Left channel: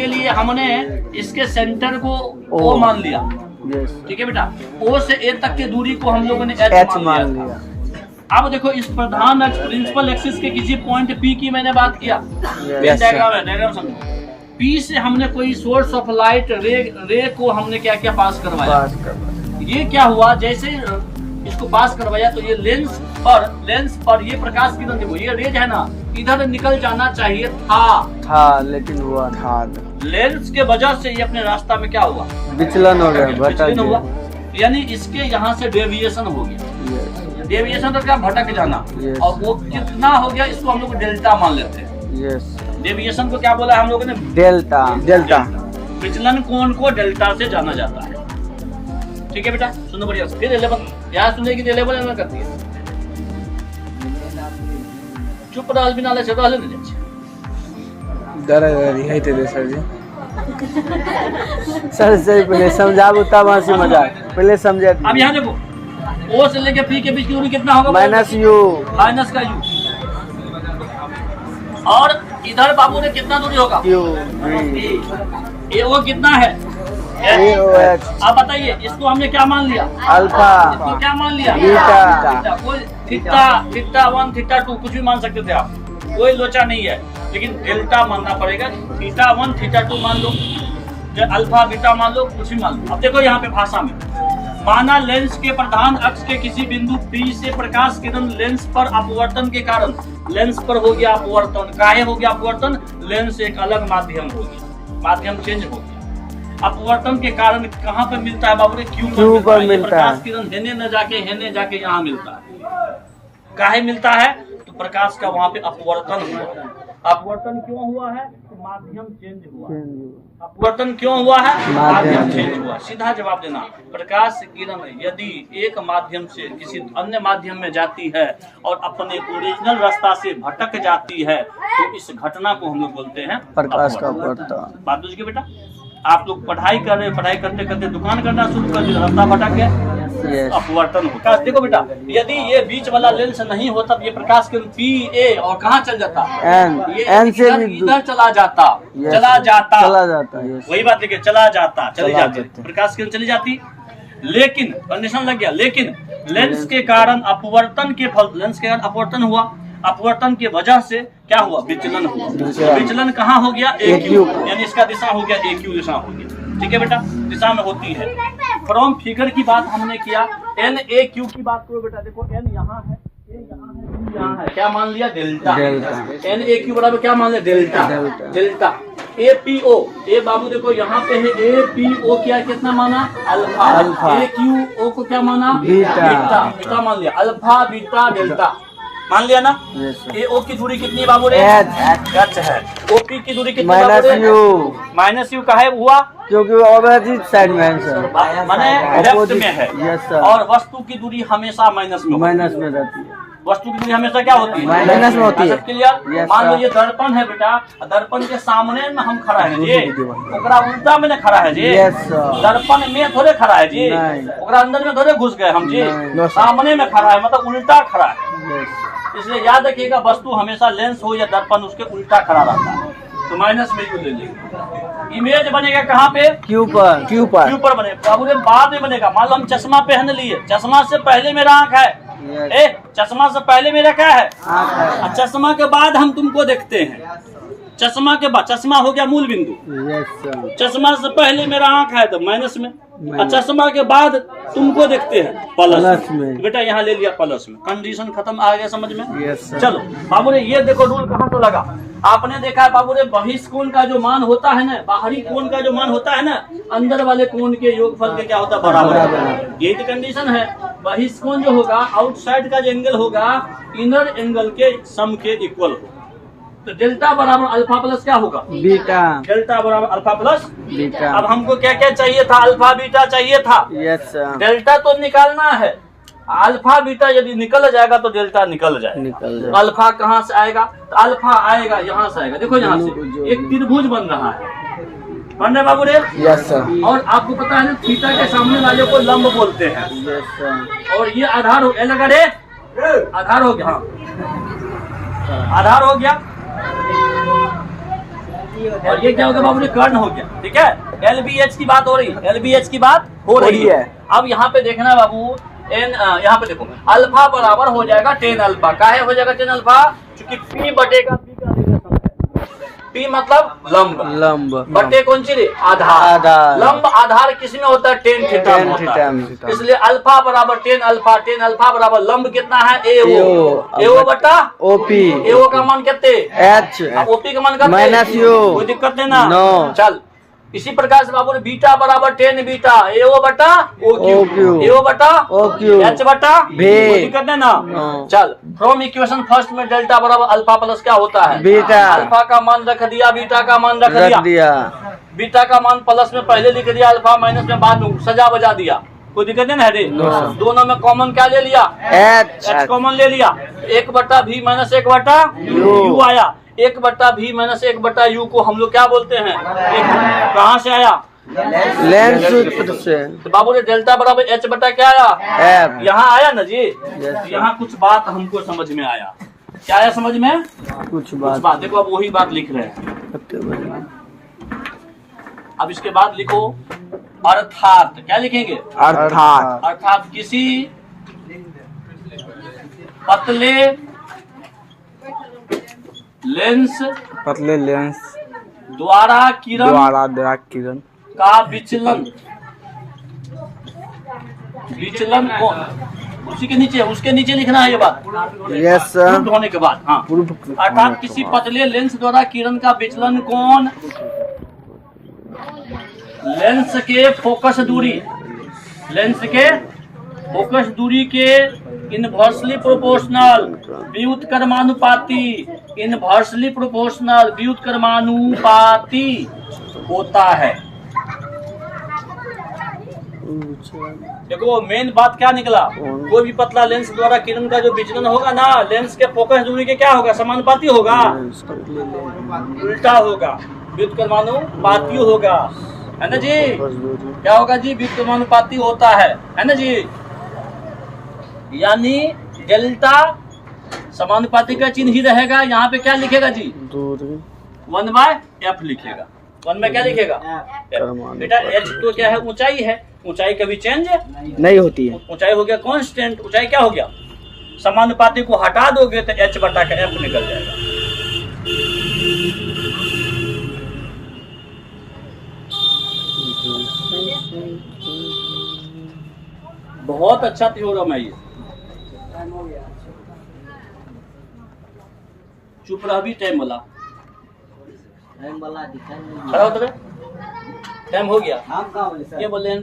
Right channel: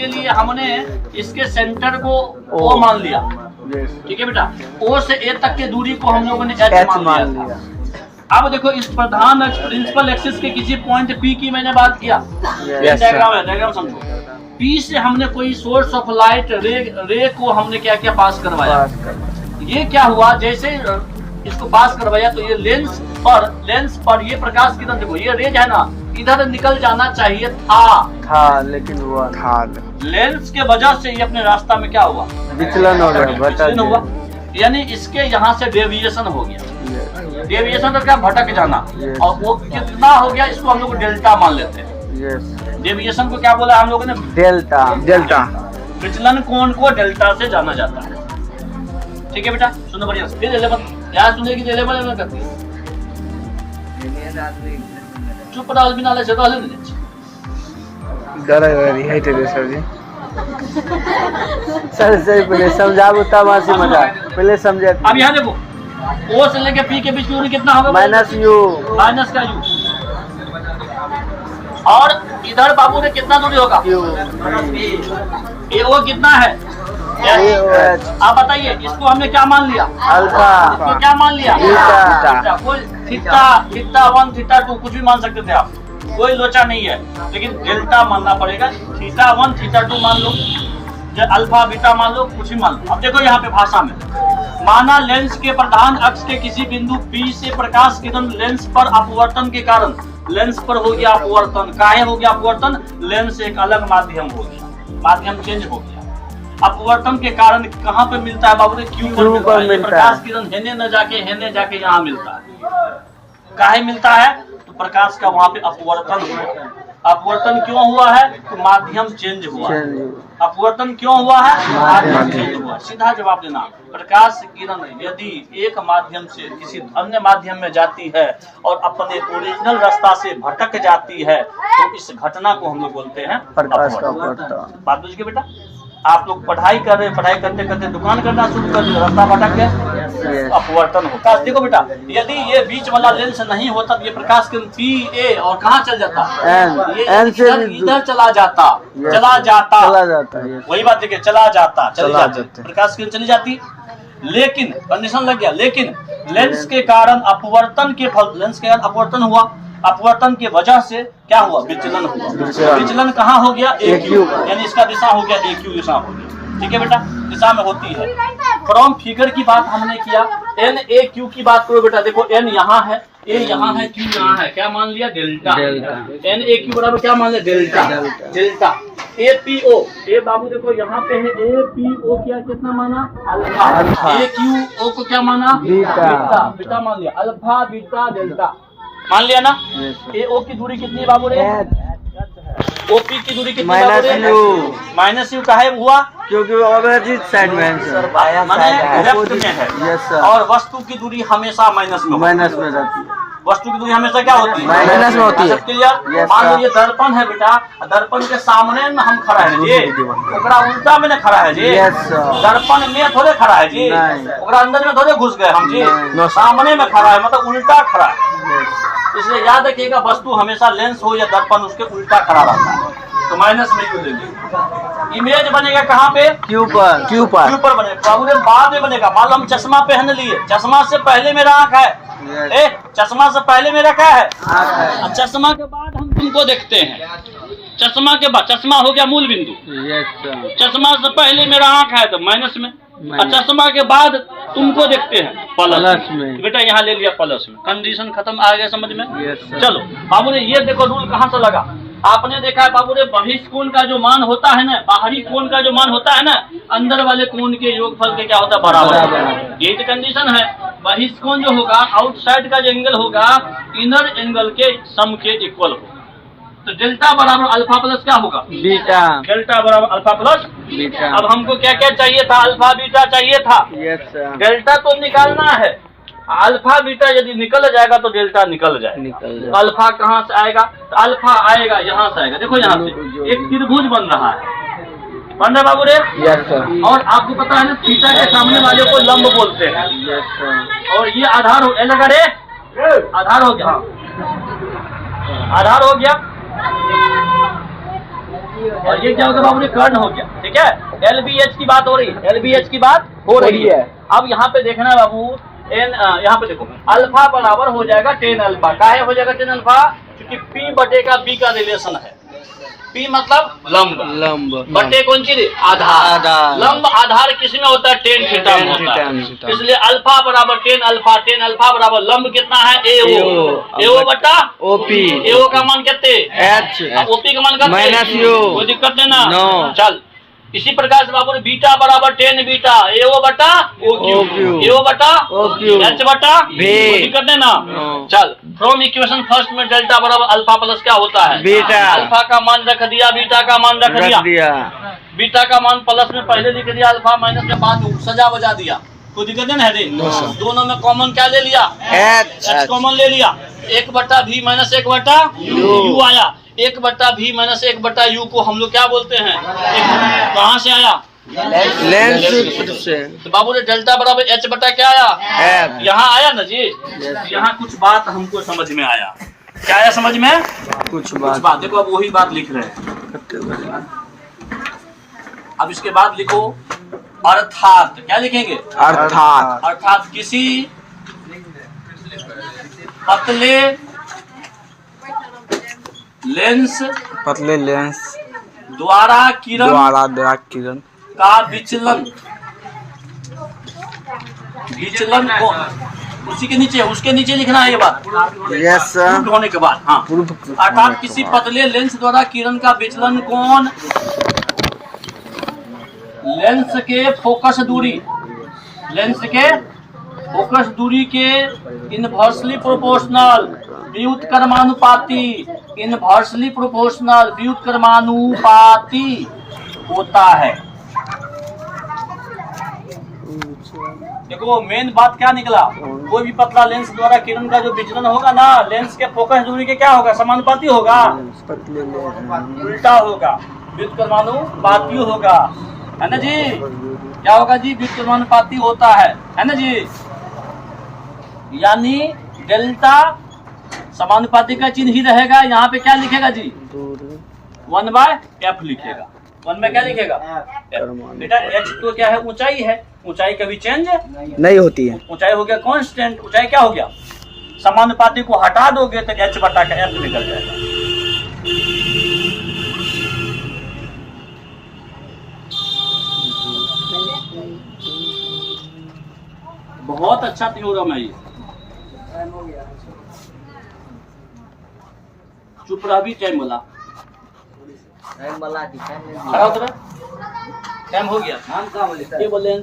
के लिए हमने इसके सेंटर को O मान लिया, ठीक है बेटा। O से A तक के दूरी को हम लोगों ने H मान लिया। अब देखो इस प्रधान अक्ष प्रिंसिपल एक्सिस के किसी पॉइंट P की मैंने बात किया, डायग्राम है, डायग्राम समझो। P से हमने कोई सोर्स ऑफ लाइट रे को हमने क्या क्या पास करवाया। ये क्या हुआ, जैसे इसको पास करवाया तो ये लेंस पर ये प्रकाश किरण, देखो ये रेज है ना, इधर निकल जाना चाहिए था लेकिन हुआ था। लेंस के वजह से ये अपने रास्ता में क्या हुआ, विचलन हो गया, विचलन हुआ, यानी इसके यहाँ से डेविएशन हो गया। डेविएशन तो क्या, भटक जाना। और वो कितना हो गया, इसको हम लोग डेल्टा मान लेते हैं। डेविएशन को क्या बोला हम लोगों ने, डेल्टा। विचलन कोण को डेल्टा से जाना जाता है, ठीक है बेटा। सुनो बढ़िया, फिर 11 याद सुने की 11 करती है, चुप डाल बिना ले चलो ले सर से पहले समझाओ तब हंसी मजाक, पहले समझे। अब यहाँ देखो, O से लेके P के बीच दूरी कितना होगा, माइनस का U, और इधर बाबू ने कितना दूरी होगा, वो कितना है, आप बताइए। इसको हमने क्या मान लिया, अल्फा। इसको क्या मान लिया, थीटा 1 थीटा 2 कुछ भी मान सकते थे आप, कोई लोचा नहीं है, लेकिन डेल्टा मानना पड़ेगा। थीटा 1 थीटा 2 मान लो, अल्फा बीटा मान लो, कुछ भी मान लो। अब देखो यहाँ पे भाषा में, माना लेंस के प्रधान अक्ष के किसी बिंदु P से प्रकाश किरण लेंस पर अपवर्तन के कारण, लेंस पर हो गया अपवर्तन। काहे हो गया अपवर्तन, लेंस एक अलग माध्यम हो गया, माध्यम चेंज हो गया। अपवर्तन के कारण कहाँ पे मिलता है बाबू ने, Q पर मिलता है। प्रकाश किरण हेने न जाके यहाँ मिलता है। काहे मिलता है, तो प्रकाश का वहाँ पे अपवर्तन हुआ। अपवर्तन क्यों हुआ है, तो माध्यम चेंज हुआ। अपवर्तन क्यों हुआ है, माध्यम चेंज हुआ। सीधा जवाब देना, प्रकाश किरण यदि एक माध्यम से किसी अन्य माध्यम में जाती है और अपने ओरिजिनल रास्ता से भटक जाती है, तो इस घटना को हम लोग बोलते हैं प्रकाश का अपवर्तन। बात बुझ गए बेटा। आप लोग पढ़ाई कर रहे, पढ़ाई करते करते दुकान करना शुरू कर दिया, रास्ता भटक गया, अपवर्तन होता है। देखो बेटा, यदि ये बीच वाला लेंस नहीं होता तो ये प्रकाश किरण P A और कहाँ चल जाता, N से इधर चला जाता। वही बात देखिए, चला जाता प्रकाश किरण चली जाती। लेकिन कंडीशन लग गया, लेकिन लेंस के कारण अपवर्तन के फल, लेंस के कारण अपवर्तन हुआ, अपवर्तन के वजह से क्या हुआ, विचलन हुआ। विचलन कहाँ हो गया, AQ, यानी इसका दिशा हो गया AQ दिशा हो गया, ठीक है बेटा, दिशा में होती है। फ्रॉम फिगर की बात हमने किया, NAQ की बात करो बेटा। देखो N यहाँ है, A यहाँ है, Q यहाँ है, क्या मान लिया, डेल्टा। NAQ बराबर क्या मान लिया, डेल्टा। APO, ए बाबू देखो यहाँ पे है, APO क्या कितना माना, अल्फा। AQO को क्या माना, बीटा मान लिया, अल्फा बीटा डेल्टा मान लिया ना। AO की दूरी कितनी बाबू रे, H है। OP की दूरी कितनी बाबू रे, -U का है हुआ, क्योंकि अपोजिट साइड में है, माने लेफ्ट में है। और वस्तु की दूरी हमेशा माइनस में रहती है। वस्तु की दूरी हमेशा क्या होती है, माइनस में होती है। क्लियर। मान लो ये दर्पण है बेटा, दर्पन के सामने में हम खड़ा है जी, ओकरा उल्टा में खड़ा है जी, दर्पण में थोड़े खड़ा है जी, ओकरा अंदर में थोड़े घुस गए हम जी, सामने में खड़ा है, मतलब उल्टा खड़ा है। इसलिए याद रखिएगा, वस्तु हमेशा लेंस हो या दर्पण उसके उल्टा खड़ा रहता है, तो माइनस में ले लीजिए। इमेज बनेगा कहाँ पे, Q पर बनेगा बाबू रे, बाद में बनेगा। मान लो हम चश्मा पहन लिए, चश्मा से पहले मेरा आँख है, चश्मा से पहले मेरा क्या है, चश्मा के बाद हम तुमको देखते हैं। चश्मा के बाद, चश्मा हो गया मूल बिंदु, चश्मा से पहले मेरा आँख है तो माइनस में, और चश्मा के बाद तुमको देखते हैं प्लस में। बेटा यहाँ ले लिया प्लस में, कंडीशन खत्म, आ गया समझ में। चलो बाबू ने ये देखो रूल कहाँ से लगा, आपने देखा है बाबू रे, बहिष्कोण का जो मान होता है ना, बाहरी कोण का जो मान होता है ना, अंदर वाले कोण के योगफल के क्या होता है, बराबर। ये तो कंडीशन है, बहिष्कोण जो होगा, आउटसाइड का जो एंगल होगा, इनर एंगल के सम के इक्वल होगा। तो डेल्टा बराबर अल्फा प्लस क्या होगा, बीटा। डेल्टा बराबर अल्फा प्लस बीटा। अब हमको क्या क्या चाहिए था, अल्फा बीटा चाहिए था। डेल्टा तो निकालना है, अल्फा बीटा यदि निकल जाएगा तो डेल्टा निकल जाएगा। अल्फा कहाँ से आएगा, तो अल्फा आएगा यहाँ से आएगा। देखो यहाँ से एक त्रिभुज बन रहा है, बन रहा बाबू रे। Yes sir. और आपको पता है ना, थीटा के सामने वाले को लंब बोलते हैं। Yes sir. और ये आधार हो, लगा रे, आधार हो गया, आधार हो गया। और ये क्या होगा बाबू, कर्ण हो गया। ठीक है, LBH की बात हो रही है, LBH की बात हो रही है। अब यहाँ पे देखना बाबू, एन यहाँ पे देखो, अल्फा बराबर हो जाएगा 10 अल्फा। काहे हो जाएगा 10 अल्फा? क्योंकि P बटे का B का रिलेशन है। P मतलब लंब, बटे कौन चीज? आधार। लंब आधार किसमें होता है? tan थीटा में होता है। इसलिए अल्फा बराबर 10 अल्फा, 10 अल्फा बराबर लंब कितना है? AO बटा OP। AO का मान कितने? H। OP का मान कितने? कोई दिक्कत नहीं ना। चल, इसी प्रकार से बाबू ने बीटा बराबर 10 बीटा, AO बटा OQ, AO बटा H बटा V। कोई दिक्कत नहीं ना। चल, फ्रॉम इक्वेशन फर्स्ट में डेल्टा बराबर अल्फा प्लस क्या होता है? बीटा। अल्फा का मान रख दिया, बीटा का मान रख दिया। बीटा का मान प्लस में पहले लिख दिया, अल्फा माइनस में बाद में सजा बजा दिया। कोई दिक्कत नहीं है रे। दोनों में कॉमन क्या ले लिया? H कॉमन ले लिया। 1 बटा V माइनस 1 बटा U आया। 1 बटा V माइनस 1 बटा U को हम लोग क्या बोलते हैं? कहाँ से आया? लेंस सूत्र से। तो बाबू ने डेल्टा बराबर H बटा क्या आया? यहाँ आया ना जी। यहाँ कुछ बात हमको समझ में आया। क्या आया समझ में? कुछ बात। देखो अब वही बात लिख रहे हैं। अब इसके बाद लिखो अर्थात। क्या लिखेंगे? अर्थात किसी पतले लेंस द्वारा किरण का विचलन को उसी के नीचे, उसके नीचे लिखना है ये बात। Yes sir. होने के बाद हाँ, अर्थात किसी पतले लेंस द्वारा किरण का विचलन कोण लेंस के फोकस दूरी के इनवर्सली प्रोपोर्शनल व्युत्क्रमानुपाती होता है। देखो मेन बात क्या निकला, कोई भी पतला लेंस द्वारा किरण का जो विचलन होगा ना, लेंस के फोकस दूरी के क्या होगा? समानुपाती होगा, उल्टा होगा, व्युत्क्रमानुपाती होगा, है ना जी? क्या होगा जी? व्युत्क्रमानुपाती होता है ना जी? यानी डेल्टा समानुपाती का चिन्ह ही रहेगा। यहाँ पे क्या लिखेगा जी? 1/f लिखेगा। 1 में क्या लिखेगा? बेटा H तो क्या है? ऊंचाई है। ऊंचाई कभी चेंज नहीं होती है। ऊंचाई हो गया कांस्टेंट। ऊंचाई क्या हो गया? समानुपाती को हटा दोगे तो H बटा का F निकल जाएगा। बहुत अच्छा थ्योरम है ये। चुप रह भी, टाइम वाला दिखाई नहीं। टाइम हो गया। ये बोले